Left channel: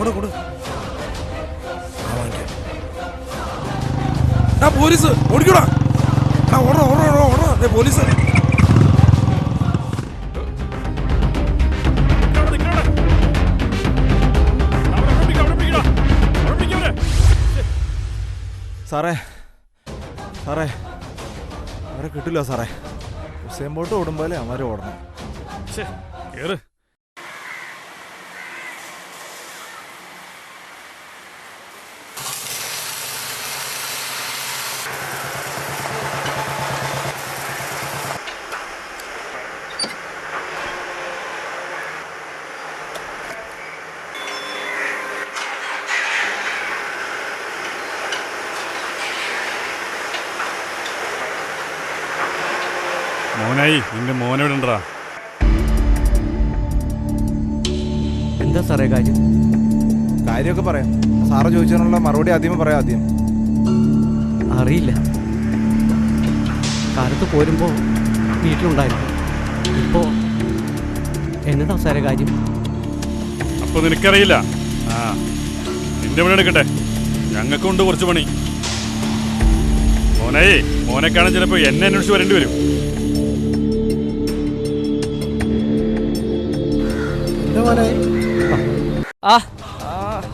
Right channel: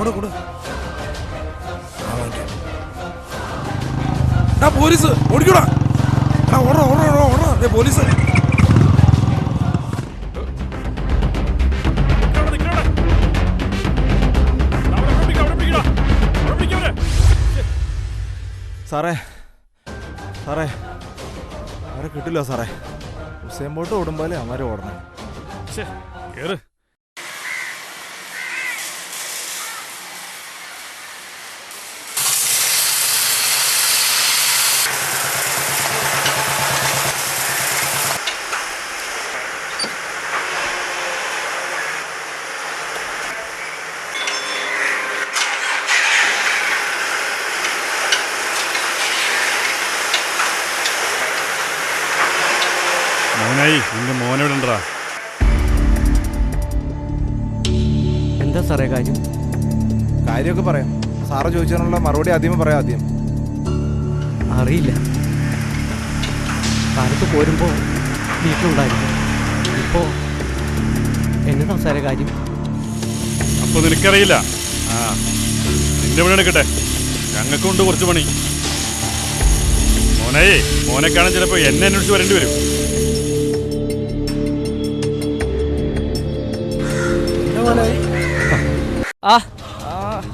കൊടു ആ വാങ്ങിക്കാം. പോലീസ് ഓടിക്കൂടാ. ഓടാ പോലീസ്. സാറേ അവരെ കിട്ടില്ല സാറേ. ഹുസൈൻ ബോട്ട് ഓടുമ്പോലെ അവന്മാർ ഓടണേ. കേറ്. മോനായി നിന്റെ മോനെവിടെ ഉണ്ടാ? എന്താ സാറേ കാര്യമൊക്കെ പറയാം. സാറ് ചോദിച്ചതിനുള്ള മറുപടി ആദ്യമേ പറയാം. ആദ്യം അറിയില്ല. കാലത്ത് പോരുമ്പോൾ വീട്ടിലുണ്ടായിരുന്നു. ഇപ്പോൾ എന്നതാ സാറേ കാര്യം? അപ്പോൾ നിനക്കറിയില്ല. നിന്റെ പണി എടുക്കട്ടെ, ഞങ്ങൾക്കുണ്ട് കുറച്ച് പണി. മോനെ കാണാൻ ചിലപ്പോൾ എന്നെ അന്വേഷിച്ച് വരേണ്ടി വരും.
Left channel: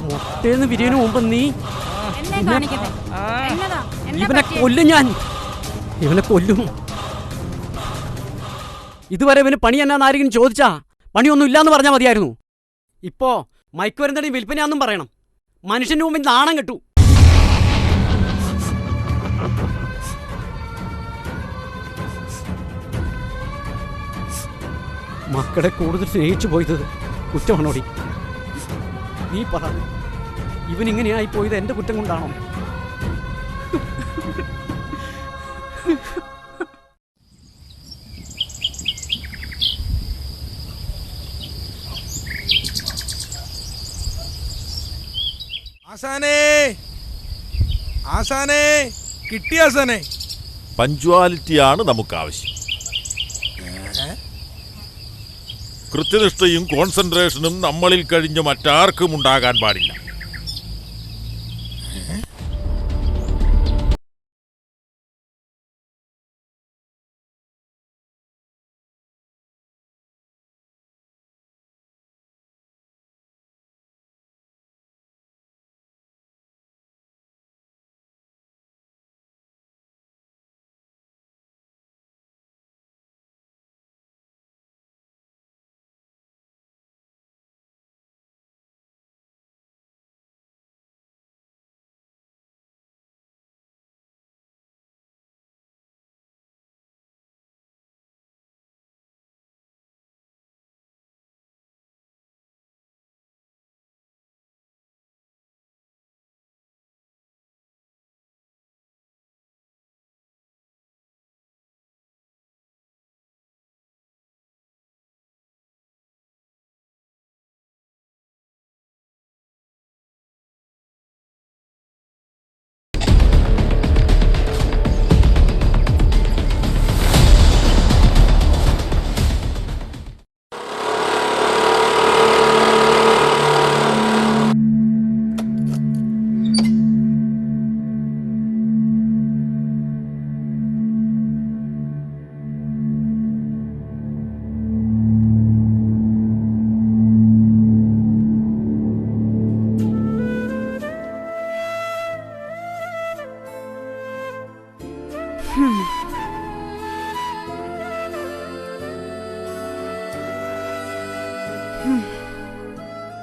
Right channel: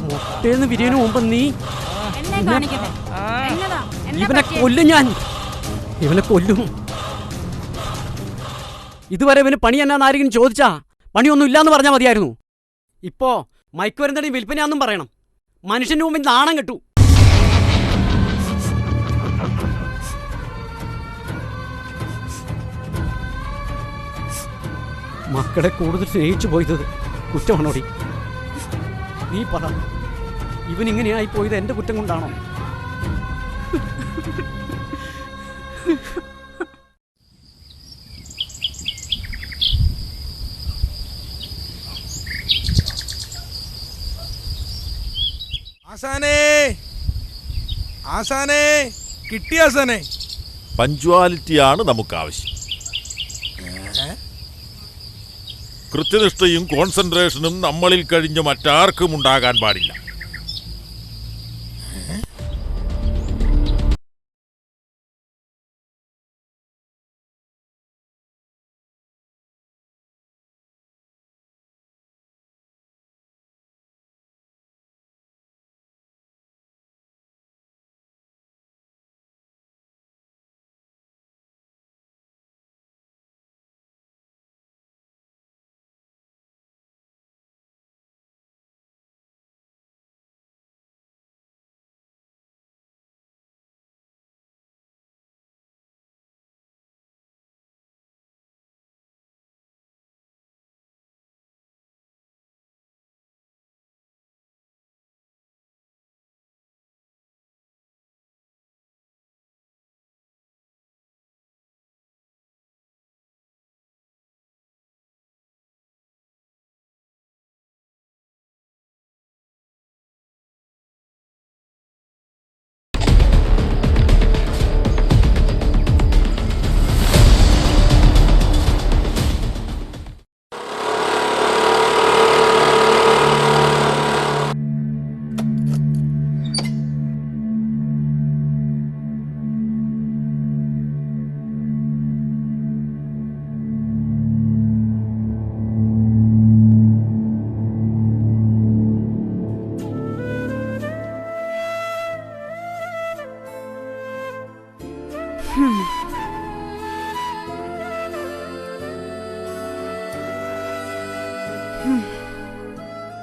മുട്ടേന്ന് വിരിയതിനു മുമ്പ് നീ ഇവനെ കൊല്ലും. ഇവനെ കൊല്ലും. ഇതുവരെ ഇവന് പണി എന്നാന്ന് ആരെങ്കിലും ചോദിച്ചാ പണിയൊന്നും ഇല്ലാന്ന് പറഞ്ഞാൽ മതിയായിരുന്നു. ഇപ്പോ മയക്കുമരുന്നിന്റെ വിൽപ്പനയാന്നും പറയണം. മനുഷ്യന്റെ മുമ്പിൽ നാണം കെട്ടു. മക്കളെ കൂടുതൽ സ്നേഹിച്ചു പോയത് കുറ്റമാണോടി? നീ പറ, ഇവനിങ്ങനെയായി പോയത് എന്റെ കുറ്റം കൊണ്ടാണോ? ആശാനേ കിട്ടിയ ആശാനേ. പഞ്ച്വാലിറ്റിയാണ് നമുക്ക് ആവശ്യം. കൃത്യനിഷ്ഠയും കോൺസെൻട്രേഷനും നമ്മളിൽ കഴിഞ്ഞ മറ്റാർക്കും ഉണ്ടാകാൻ പാടില്ല.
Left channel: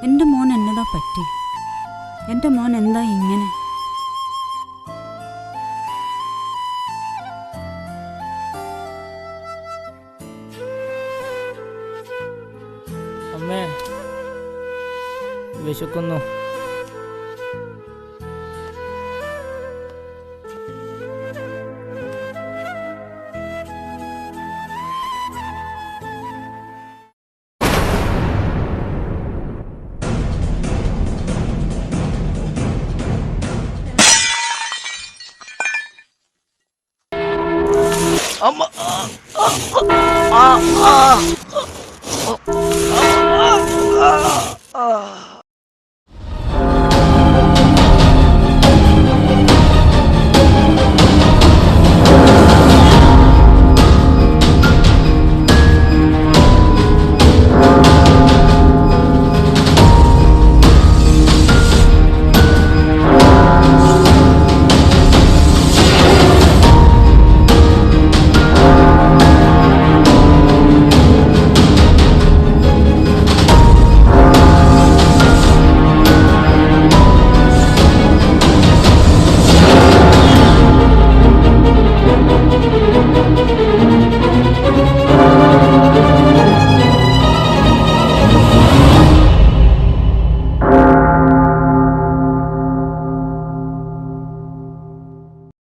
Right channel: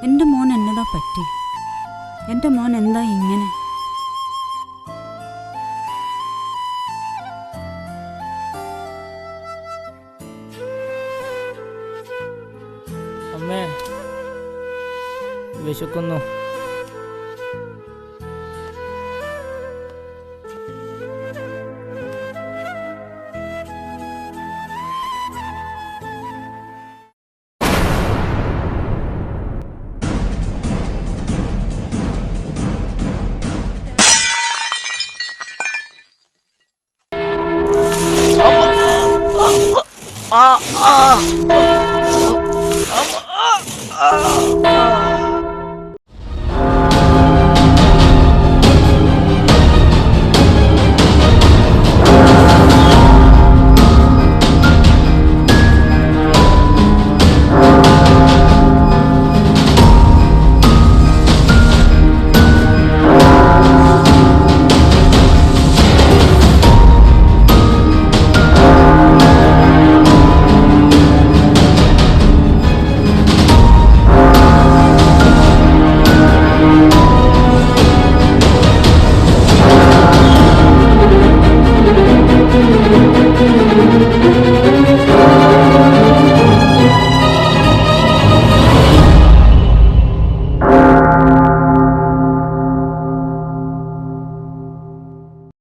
എൻ്റെ മോൻ എന്നതാ പറ്റി? എൻ്റെ മോൻ എന്താ ഇങ്ങനെ? അമ്മേ, വിശക്കുന്നു. Ah!